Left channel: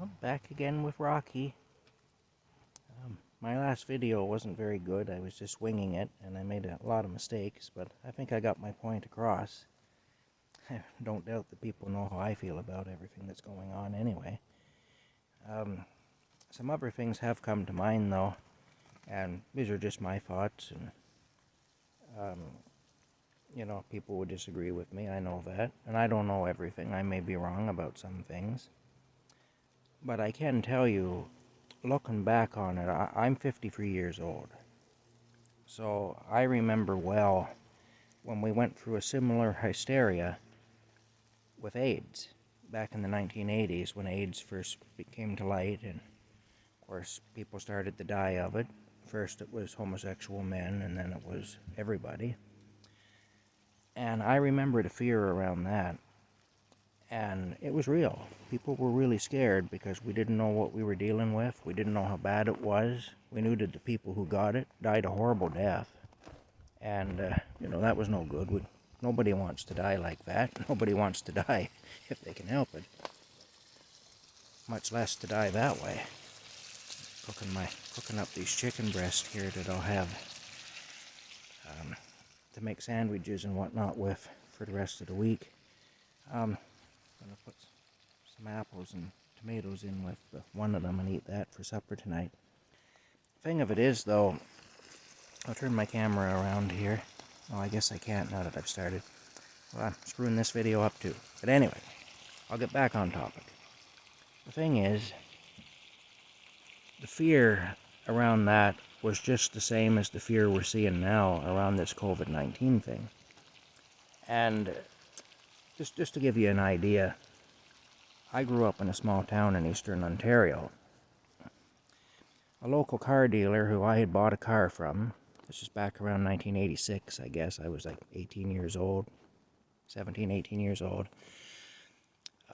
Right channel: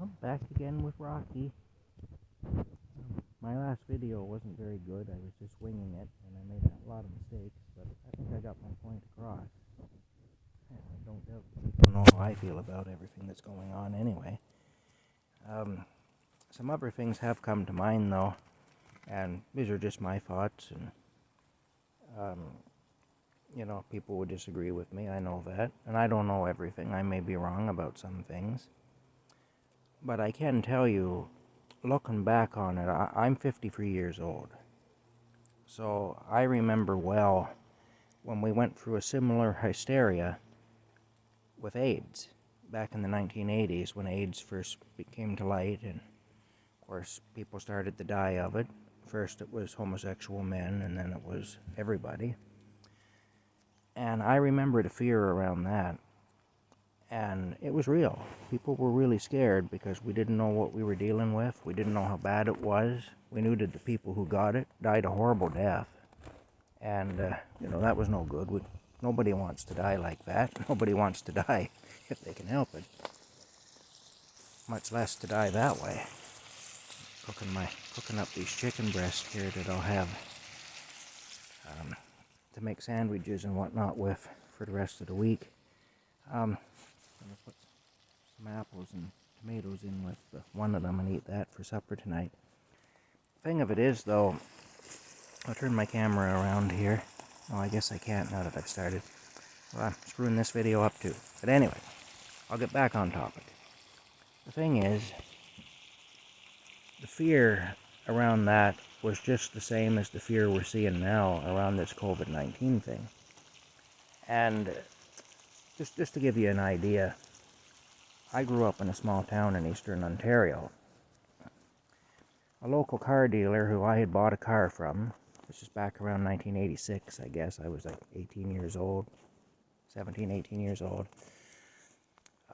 I'm back again with Rocky. My last video wasn't very good. I was just winging it, and I made a lot of mistakes, but I think I got my point across. I don't doubt that people know how I feel about everything that's going on anyway. Some other things have come to mind, though, and these are just my thoughts, and, people would disagree with me. I know that, and I don't know everything. I may be wrong about some things. But I can tell you, looking back on it, I'm 53 years old. So I remember well when we went through a similar hysteria with AIDS back in the 1980s when AIDS first came to light, and of course people started to die of it. First it was homosexual men, and then it was everybody. And I remember the fear around that. And it was real. People were really scared because we didn't know what we were dealing with. We didn't know how bad it was. We knew that the people who got it died a horrible death. And, that was no good. Nobody wants to die like that. Nobody wants to die if they can help it. Much less to die that way. Cooking up these chicken breasts here that I'll have to make sandwiches and whatnot with for the rest of the week. I'm going to put some apples and tomatoes in with one of them and eat that for supper tonight. Thing of it is, though, I'll turn my camera around here. Well, I guess I can't now that I've started. Well, I'm screwing this video up too. But anyway, I'll get back on topic. The thing is, the fear around that was just the same as the fear we're seeing now around this COVID-19 thing. And just to give you an idea, I grew up in a small town in eastern Ontario. A local car dealer who I had bought a car from, this is back around 1986, I guess. I was like 18 years old, 17, 18 years old.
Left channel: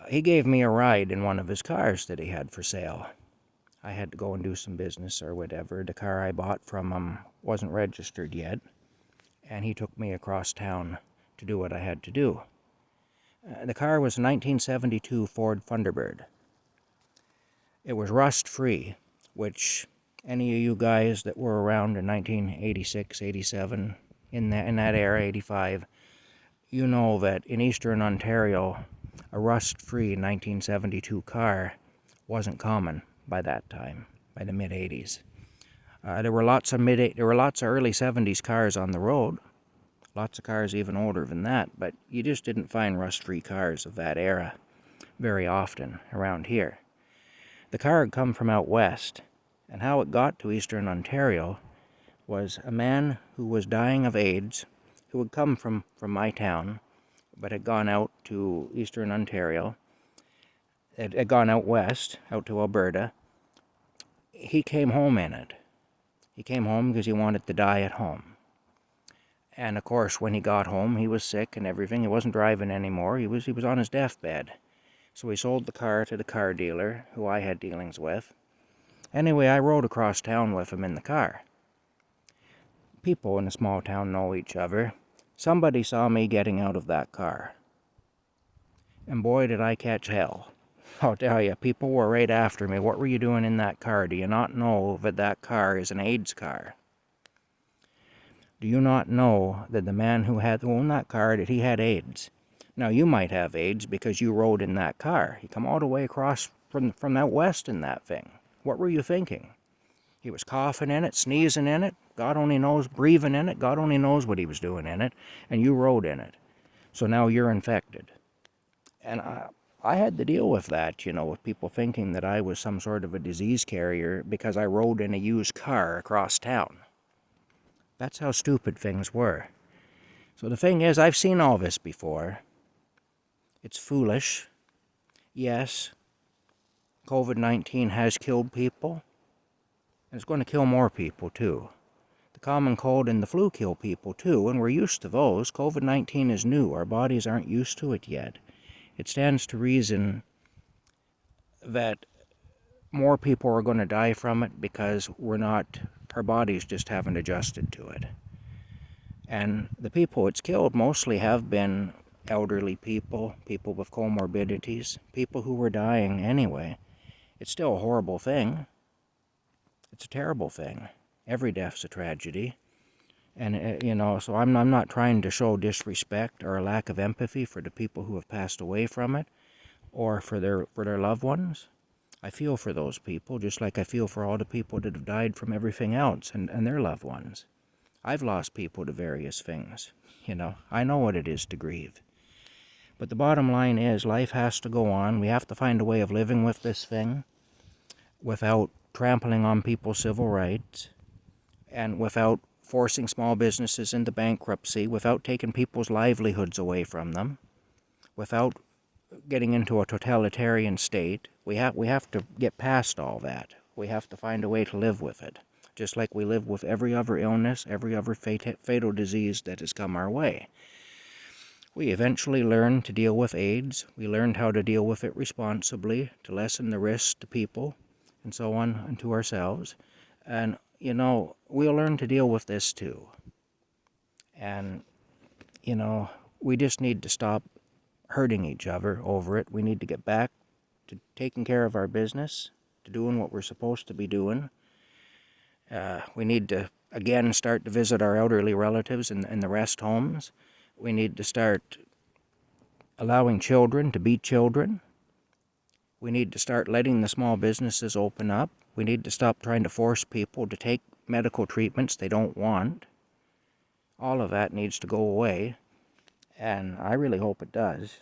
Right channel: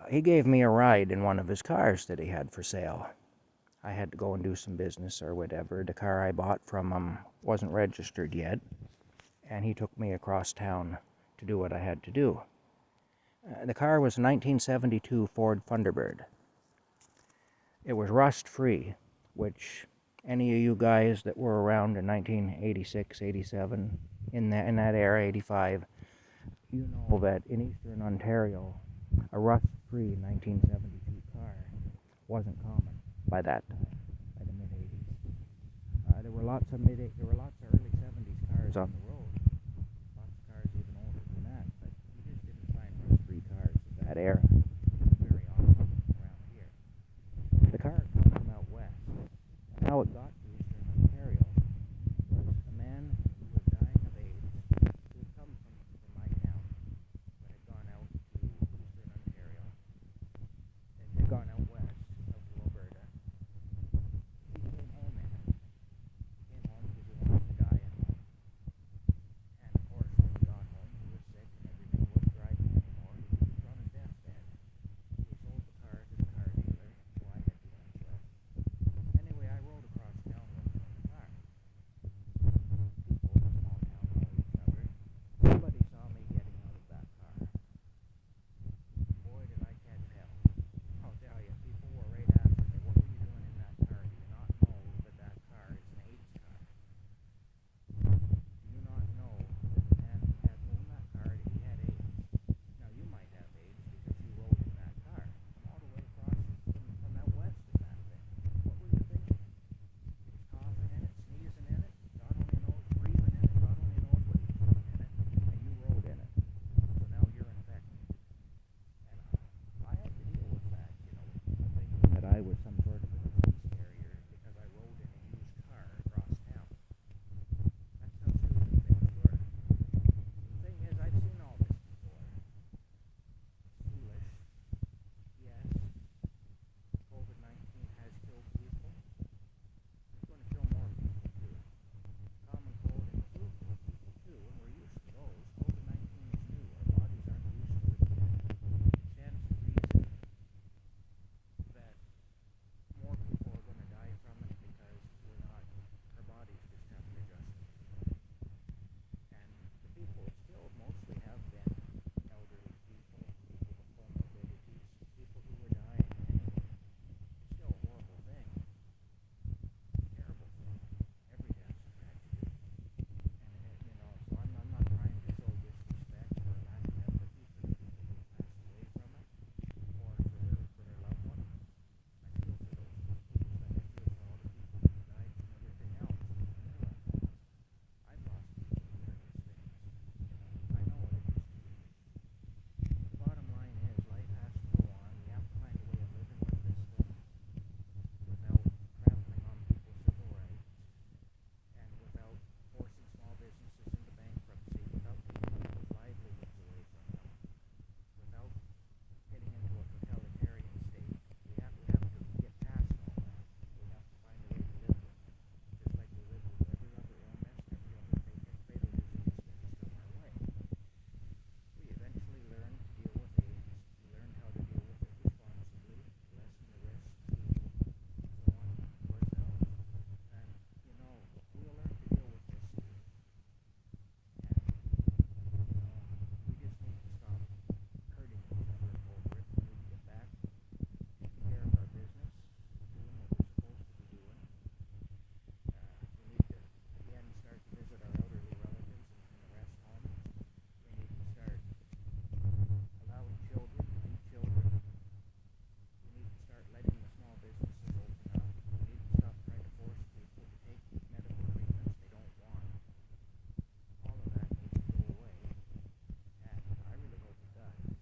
He gave me a ride in one of his cars that he had for sale. I had to go and do some business or whatever. The car I bought from him wasn't registered yet, and he took me across town to do what I had to do. The car was a 1972 Ford Thunderbird. It was rust-free, which any of you guys that were around in 1986, 87, in that era, 85, you know that in eastern Ontario, a rust-free 1972 car wasn't common by that time, by the mid-80s. There were lots of early 70s cars on the road. Lots of cars even older than that, but you just didn't find rust-free cars of that era very often around here. The car had come from out west, and how it got to eastern Ontario was a man who was dying of AIDS, who had come from my town, but had gone out to eastern Ontario. It had gone out west, out to Alberta. He came home in it. He came home because he wanted to die at home. And of course, when he got home, he was sick and everything. He wasn't driving anymore. He was on his deathbed. So he sold the car to the car dealer, who I had dealings with. Anyway, I rode across town with him in the car. People in a small town know each other. Somebody saw me getting out of that car. And boy, did I catch hell. I'll tell you, people were right after me. What were you doing in that car? Do you not know that that car is an AIDS car? Do you not know that the man who owned that car, that he had AIDS? Now, you might have AIDS because you rode in that car. You come all the way across from out west in that thing. What were you thinking? He was coughing in it, sneezing in it, God only knows, breathing in it, God only knows what he was doing in it, and you rode in it. So now you're infected. And I had to deal with that, with people thinking that I was some sort of a disease carrier because I rode in a used car across town. That's how stupid things were. So the thing is, I've seen all this before. It's foolish. Yes, COVID-19 has killed people, and it's going to kill more people too. The common cold and the flu kill people too, and we're used to those. COVID-19 is new. Our bodies aren't used to it yet. It stands to reason that more people are going to die from it because our bodies just haven't adjusted to it. And the people it's killed mostly have been elderly people, people with comorbidities, people who were dying anyway. It's still a horrible thing. It's a terrible thing. Every death's a tragedy. And, so I'm not trying to show disrespect or a lack of empathy for the people who have passed away from it or for their loved ones. I feel for those people just like I feel for all the people that have died from everything else and their loved ones. I've lost people to various things. I know what it is to grieve. But the bottom line is life has to go on. We have to find a way of living with this thing without trampling on people's civil rights and without forcing small businesses into bankruptcy, without taking people's livelihoods away from them, without getting into a totalitarian state. We have to get past all that. We have to find a way to live with it, just like we live with every other illness, every other fatal disease that has come our way. We eventually learned to deal with AIDS. We learned how to deal with it responsibly, to lessen the risk to people, and so on, and to ourselves. And, we'll learn to deal with this too. And, we just need to stop hurting each other over it. We need to get back to taking care of our business, to doing what we're supposed to be doing. We need to, again, start to visit our elderly relatives in the rest homes. We need to start allowing children to be children. We need to start letting the small businesses open up. We need to stop trying to force people to take medical treatments they don't want. All of that needs to go away, and I really hope it does.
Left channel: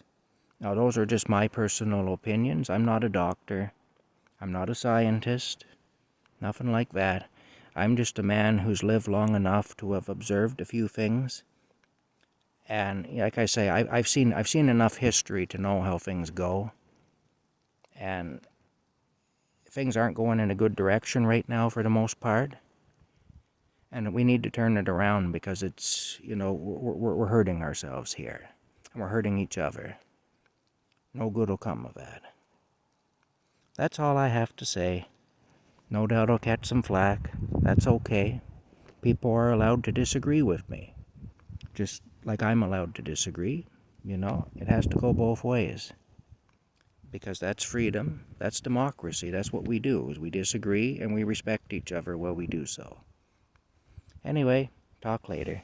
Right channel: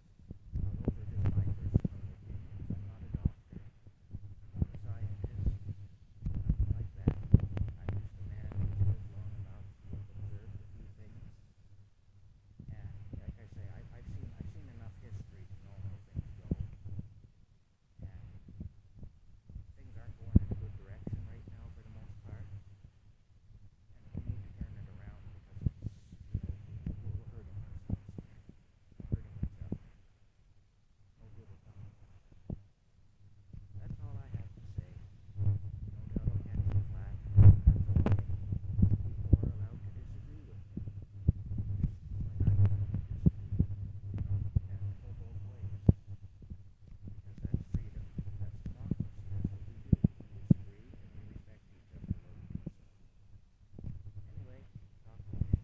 Now, those are just my personal opinions. I'm not a doctor. I'm not a scientist. Nothing like that. I'm just a man who's lived long enough to have observed a few things. And like I say, I've seen enough history to know how things go. And things aren't going in a good direction right now for the most part. And we need to turn it around because it's, we're hurting ourselves here. And we're hurting each other. No good will come of that. That's all I have to say. No doubt I'll catch some flack. That's okay. People are allowed to disagree with me. Just like I'm allowed to disagree. It has to go both ways. Because that's freedom, that's democracy, that's what we do, is we disagree and we respect each other while we do so. Anyway, talk later.